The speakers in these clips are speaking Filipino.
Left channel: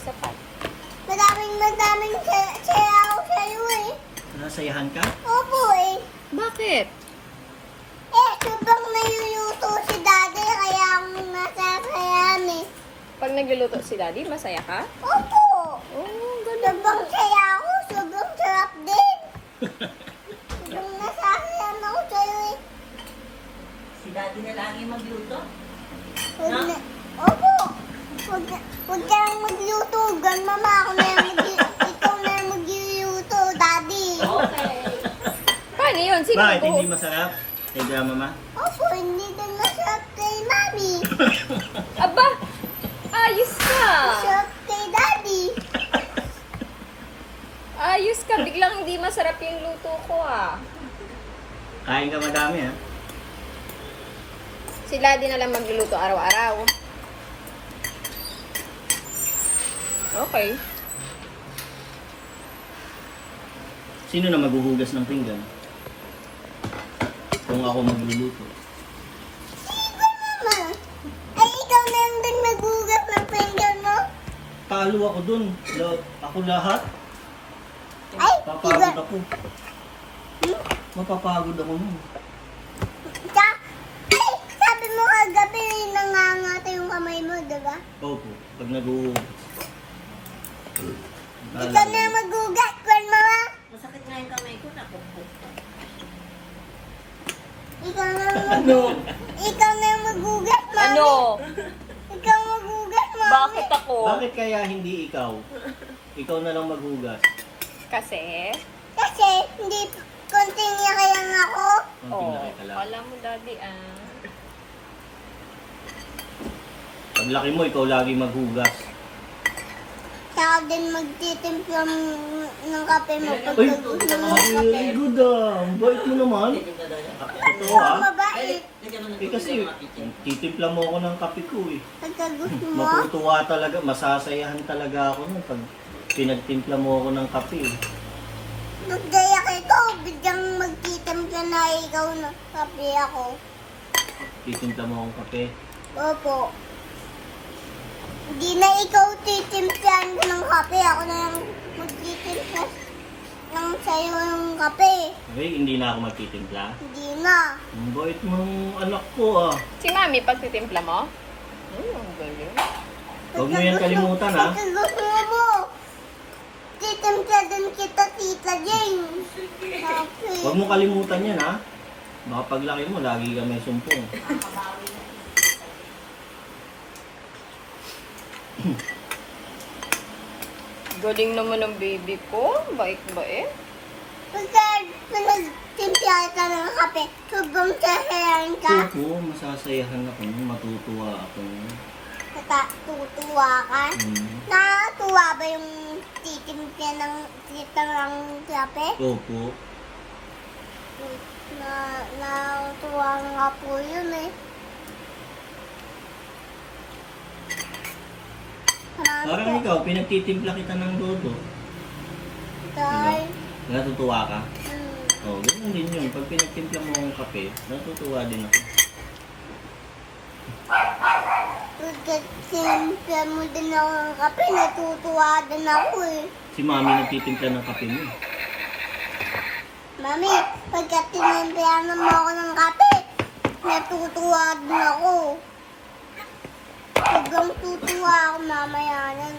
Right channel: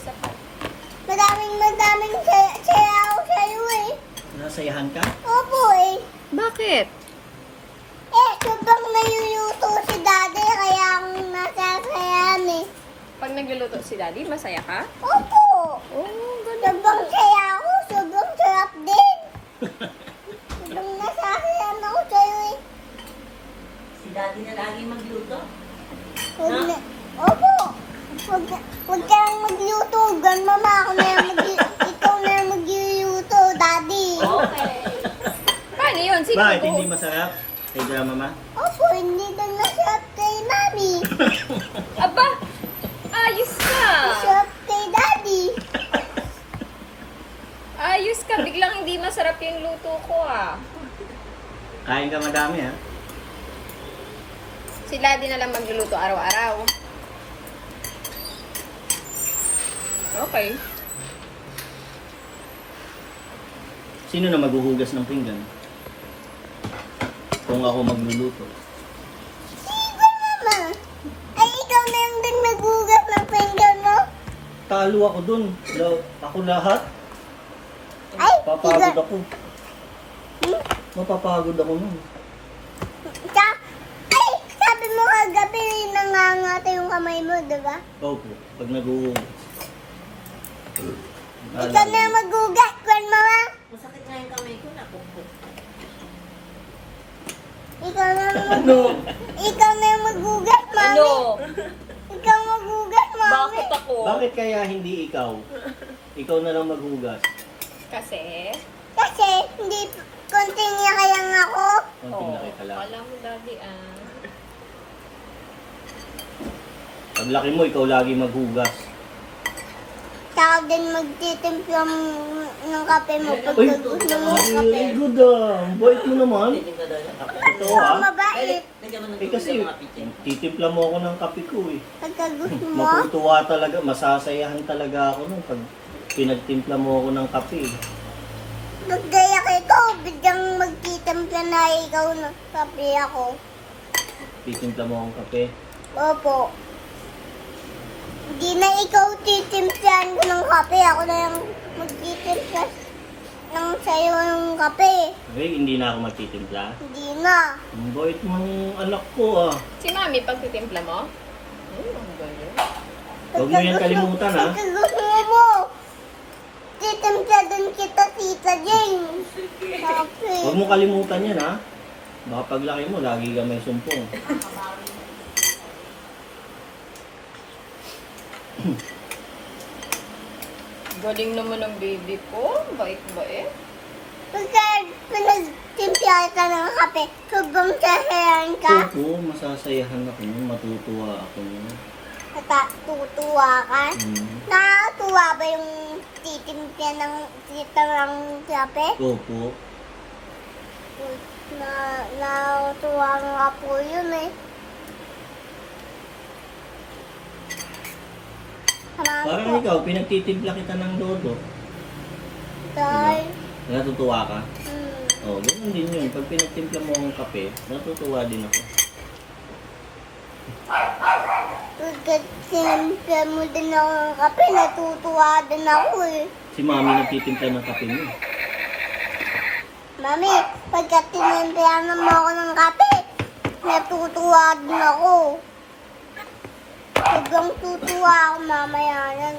sapat. Madaming sayaw sa'yo eh. Nasayahan ka? Opo eh. Bakit? Sobrang naluluto si daddy kaya akong nasasayahan eh. Pag nagluluto si daddy, masaya ka? Opo. Oh, Sobrang saya ako. Sobrang sarap din. Sobrang nasasayahan ako sa'yo eh. Si daddy na lagi magluto. Opo. Huwag ka lang magluto. Mama, ikaw na yung magluluto, daddy. Paano yun? Sino Bakit po? hindi masarap? Kay grandma? Opo, hindi lang nasarap kay mami. Aba! Ayos ka! Sarap kay daddy. Ayos ka. Biglang hindi masarap yung luto ko ah. Kain ka madami ha? Si daddy na lang magluluto araw-araw. Okay. Sino na maghuhugas ng pinggan? Kung ako magluluto. Sige naman. Ay, ikaw na yung din nagugas ng pinggan mo. Talo ako dun. Ako lahat. Ay, Papagod ako. Hmm? Mapapagod ako nun. Ay, sabi mo kagabi nangangata yung kamay mo, diba? Opo, pag naghuhugas. Ikaw na yung magugas, grandmama. Masakit nga yung kamay ko, napupo. Ikaw na yung magugas, mami. Ano? Ikaw magugas, mami. Bakit ako? Bakit kaya hindi ikaw? Ikaw na lang maghugas. Kasi? Kasi hindi konting niya kaya nga ako. Konting laki ka lang. Kala mo daddy ah. Paglaki mo, ikaw lagi maghugas. Saka din magtitimpla ng kape mo pag Uy, gusto mo ng kape. very good ah. Ang bait mo naman. Totoo Ikaw ah. mabait. Lagyan mo ng Eh kasi, titimpla mo ako ng kape ko eh. Pagka gusto mo. Matutuwa talaga, masasayahan talaga ako nun pag pinagtimpla mo ako ng kape eh. Magdaya ka ikaw, biglang magtitimpla na ikaw ng kape ako. Titimpla mo akong kape. Opo. Hindi na ikaw titimplahan ko ng kape. Ako na yung magtitimpla ng sayo ng kape. Okay, hindi na ako magtitimpla. Hindi na. Ang bait mo ng anak ko ah. Si mami, pagtitimpla mo? Ang galing. Huwag mo yan kalimutan ah. Pagka gusto mo. Titimpla din kita, Tita Jane. Kape. Huwag mo kalimutan yan ha. Baka paglaki mo, lagi ka may sumpong. Galing naman ng baby ko. Bait-bait. Pagka pinagtimpla kita ng kape, sobrang sasayahin ka. Oo, masasayahan ako nun, matutuwa ako nun. Tutuwa ka. Nakatuwa ba yung titimpla ng tita ng kape? Opo. Nakatuwa nga po yun eh. Parang ikaw, pinagtitimpla kita ng lodo. Dahil, Natutuwa ka? Oo, ganun din yun. Pag pinagtimpla mo ang kape, natutuwa din ako. pagkat sinimpla mo din ako ng kape, natutuwa din ako eh. Si mami nagtitimpla ng kape mo. Mami, pagkat sinimpla mo ako ng kape, natutuwa din ako. Sobrang tutuwa ako mamaya yan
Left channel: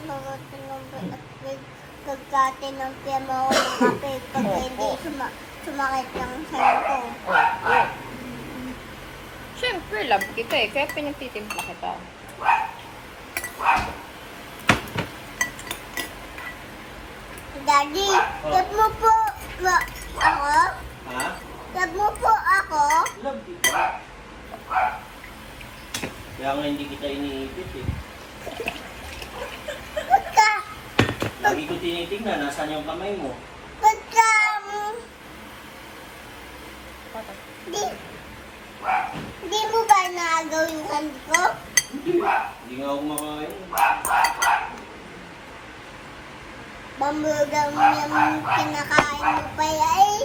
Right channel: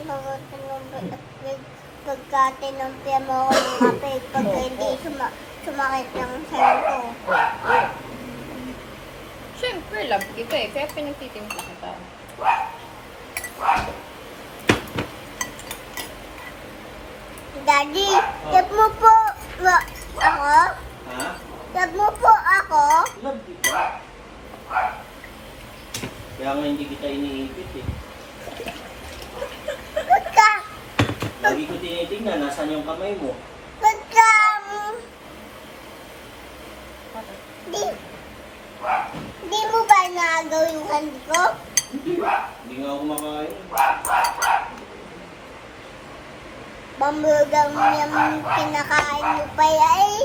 pagka tinimpla mo ako ng kape, pagka hindi sumakit lang sa'yo ko. Siyempre, love kita eh. Kaya pinagtitimpla kita. Daddy, tip mo po ako? Ha? Tip mo po ako? Love kita. Kaya nga hindi kita iniipit eh. Pagka, Lagi ko tinitingnan, nasan yung kamay mo? pagka, di mo ba nagaw yung hand ko? Hindi nga ako makain. Bambugang mo yung kinakain mo pa eh.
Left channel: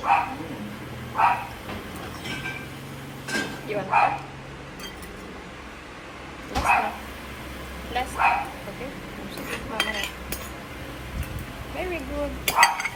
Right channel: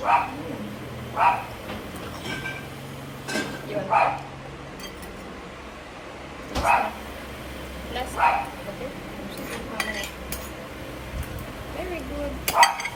Yun. Last. Last. Okay. Mamaya. Very good.